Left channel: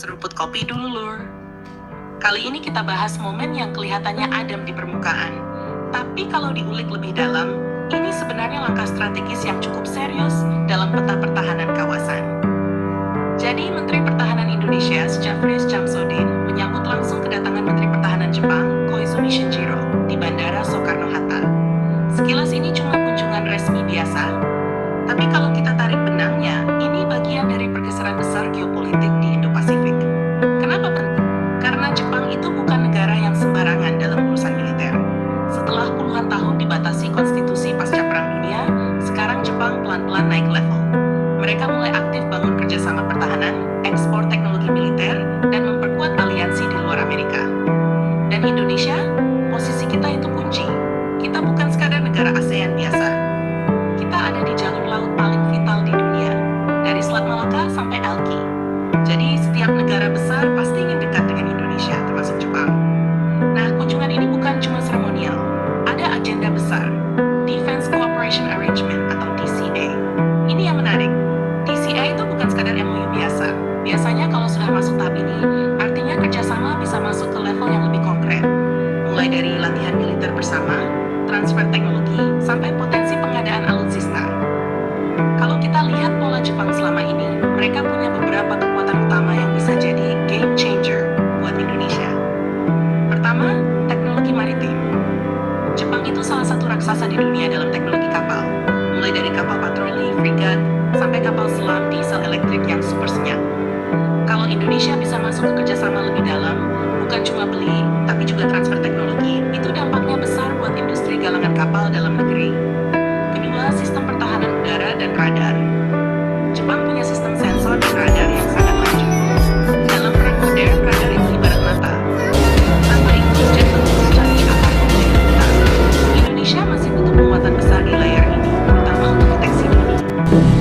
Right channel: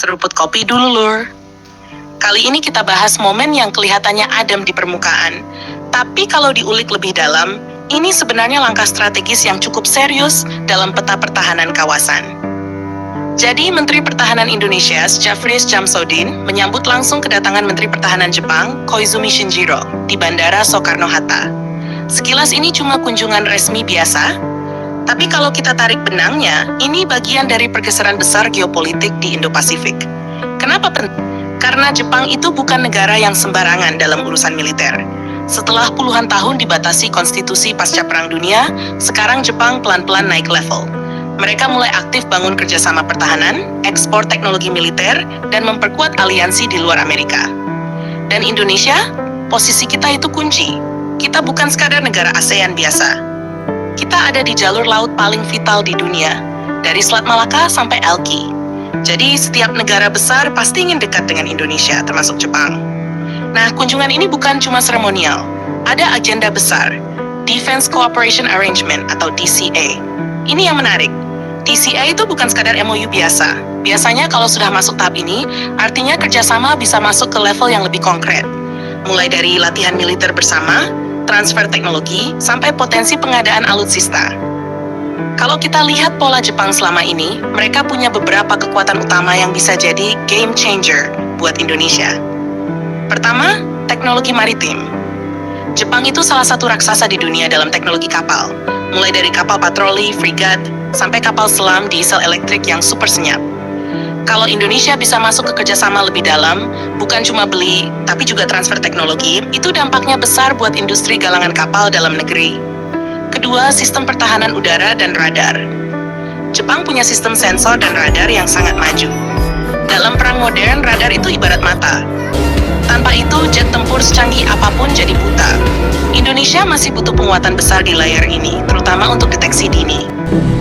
Seruput kopi dulu, Lur. Kali ini kita bahas momen yang kelihatannya adem di permukaan. Tapi kalau diulik lebih dalam, ini sebenarnya langkah strategis yang cukup serius dalam peta pertahanan kawasan. Jadi, Menteri Pertahanan Indonesia, Jafris Jamsodin, menyambut langsung kedatangan Menteri Pertahanan Jepang, Koizumi Shinjiro, di Bandara Soekarno-Hatta. Sekilas ini cuma kunjungan resmi biasa, tapi kalau kita tarik benangnya, ini bagian dari pergeseran besar geopolitik di Indo-Pasifik. Kenapa penting? Karena Jepang itu bukan negara yang sembarangan dalam urusan militer. Setelah puluhan tahun dibatasi konstitusi pasca Perang Dunia, sekarang Jepang pelan-pelan naik level. Mereka mulai aktif bangun kerjasama pertahanan, ekspor teknologi militer, dan memperkuat aliansi di luar Amerika. Dan Indonesia, posisi kita itu kunci. Kita bukan sekadar negara ASEAN biasa. Kita ada di jalur laut paling vital di dunia, dari Selat Malaka sampai Elki. Jadi setiap negara besar pasti ingin dekat dengan Indonesia, termasuk Jepang. Nah, kunjungan ini bukan cuma seremonial. Ada agenda besar, Defense Cooperation Arrangement atau DCA. Ini yang menarik. DCA itu bukan sekadar MOU biasa. Biasanya kalau sudah masuk tahap ini, artinya kerjasama bisa masuk ke level yang lebih konkret. Mulai dari latihan militer bersama, transfer teknologi, sampai potensi pengadaan alutsista. Kalau kita lihat pola Jepang selama ini, mereka punya beberapa kekuatan utama yang bisa jadi game changer buat Indonesia. Pertama, teknologi maritim. Jepang itu salah satu raksasa di dunia dalam teknologi kapal, mulai dari kapal patroli, frigat, sampai kapal selam diesel elektrik yang super senyap. Kalau Indonesia bisa masuk ke kerjasama lebih dalam, bukan cuma beli, tapi juga transfer teknologi, itu dampaknya besar buat industri galangan kapal dalam negeri. Kedua, sistem pertahanan udara dan radar. Jepang punya sistem sensor dan radar yang sangat maju. Dalam perang modern, radar itu ibarat mata. Tanpa itu, jet tempur secanggih apapun jadi buta. Indonesia masih butuh penguatan besar di layar ini, terutama untuk deteksi dini.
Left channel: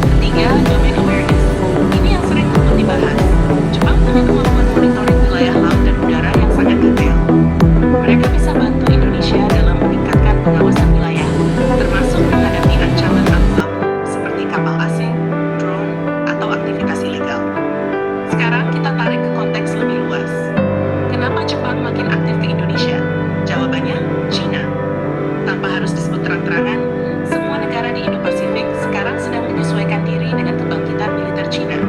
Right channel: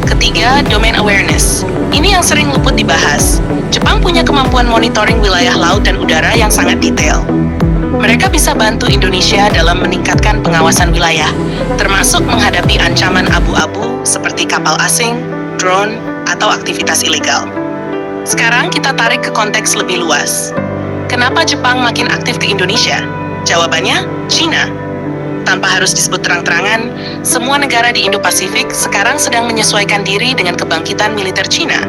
Ketiga, domain awareness. Ini yang sering luput dibahas. Jepang punya kemampuan monitoring wilayah laut dan udara yang sangat detail. Mereka bisa bantu Indonesia dalam meningkatkan pengawasan wilayah, termasuk menghadapi ancaman abu-abu seperti kapal asing, drone, atau aktivitas ilegal. Sekarang kita tarik ke konteks lebih luas. Kenapa Jepang makin aktif ke Indonesia? Jawabannya, China. Tanpa harus disebut terang-terangan, semua negara di Indo-Pasifik sekarang sedang menyesuaikan diri dengan kebangkitan militer China.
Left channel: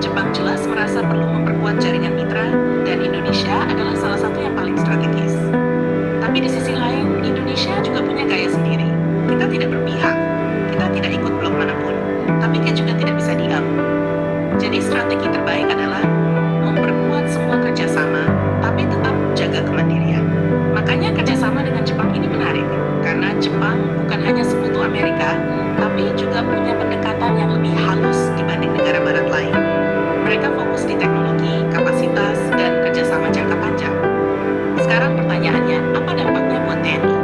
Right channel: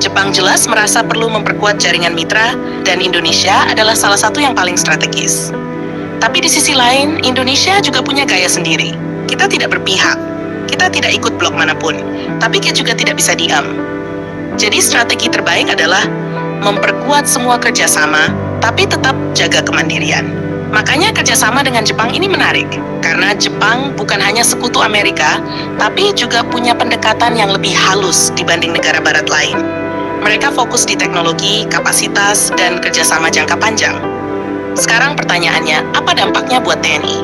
Jepang jelas merasa perlu memperkuat jaringan mitra, dan Indonesia adalah salah satu yang paling strategis. Tapi di sisi lain, Indonesia juga punya gaya sendiri. Kita tidak berpihak, kita tidak ikut blok manapun, tapi kita juga tidak bisa diam. Jadi strategi terbaik adalah memperkuat semua kerjasama, tapi tetap jaga kemandirian. Makanya kerjasama dengan Jepang ini menarik, karena Jepang bukan hanya sekutu Amerika, tapi juga punya pendekatan yang lebih halus dibanding negara barat lain. Mereka fokus di teknologi, kapasitas, dan kerjasama jangka panjang. Sekarang pertanyaannya, apa dampaknya buat TNI?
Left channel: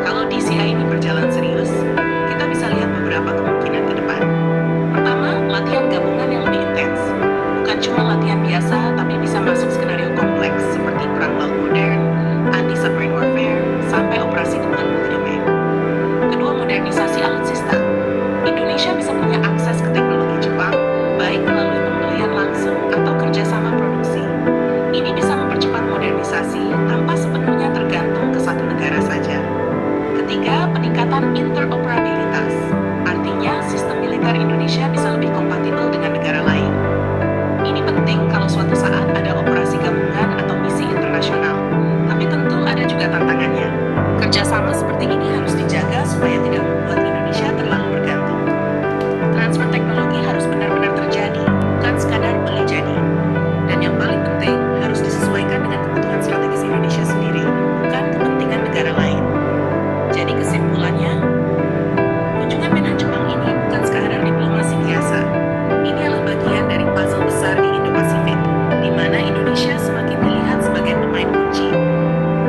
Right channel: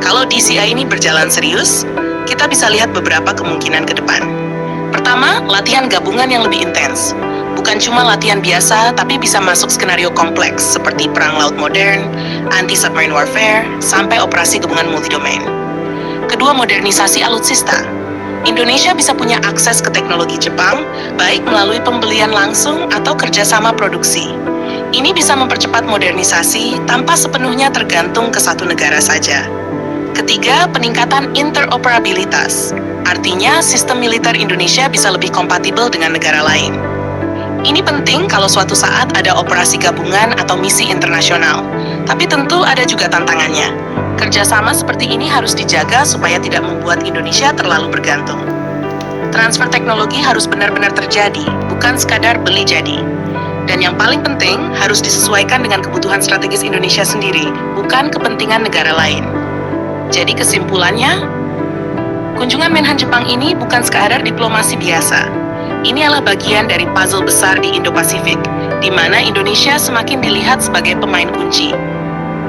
Kalau DCA ini berjalan serius, kita bisa lihat beberapa kemungkinan ke depan. Pertama, latihan gabungan yang lebih intens. Bukan cuma latihan biasa, tapi bisa masuk skenario kompleks seperti perang laut modern, anti-submarine warfare, sampai operasi gabungan multidomain. Kedua, modernisasi alutsista. Indonesia bisa punya akses ke teknologi Jepang, baik melalui pembelian langsung atau kerjasama produksi. Ini bisa mempercepat modernisasi tanpa sepenuhnya tergantung ke satu negara saja. Ketiga, peningkatan interoperabilitas. Artinya, sistem militer Indonesia bisa lebih kompatibel dengan negara lain. Ini penting kalau suatu saat ada operasi gabungan atau misi internasional. Tapi tentu ada juga tantangannya. Kerjasama seperti ini harus dijaga supaya tidak membuat Indonesia terlalu bergantung. Transfer teknologi harus benar-benar terjadi, bukan sekadar beli jadi. Dan yang paling penting, harus disesuaikan dengan kebutuhan strategis Indonesia sendiri, bukan kepentingan negara lain. Jadi kesimpulannya, kunjungan Menhan Jepang ini bukan sekadar diplomasi biasa. Ini adalah bagian dari puzzle besar di Indo-Pasifik, di mana Indonesia semakin dilihat sebagai pemain kunci.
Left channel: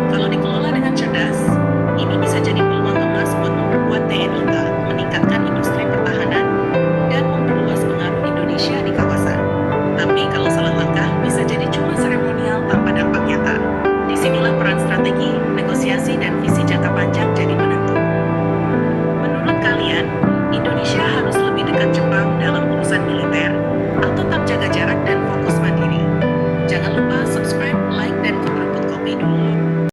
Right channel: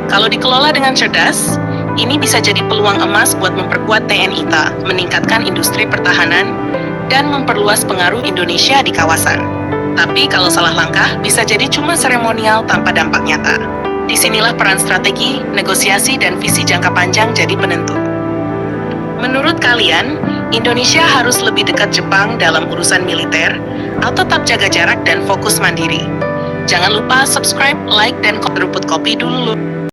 Kalau dikelola dengan cerdas, ini bisa jadi peluang emas buat memperkuat TNI kita, meningkatkan industri pertahanan, dan memperluas pengaruh Indonesia di kawasan. Tapi kalau salah langkah, bisa jadi cuma seremonial tanpa dampak nyata. Disinilah peran strategi, negosiasi, dan visi jangka panjang jadi penentu. Menurut kalian, Indonesia harus lebih dekat Jepang dalam urusan militer, atau tetap jaga jarak dan fokus mandiri? Jangan lupa subscribe, like, dan Rumput Kopi dulu.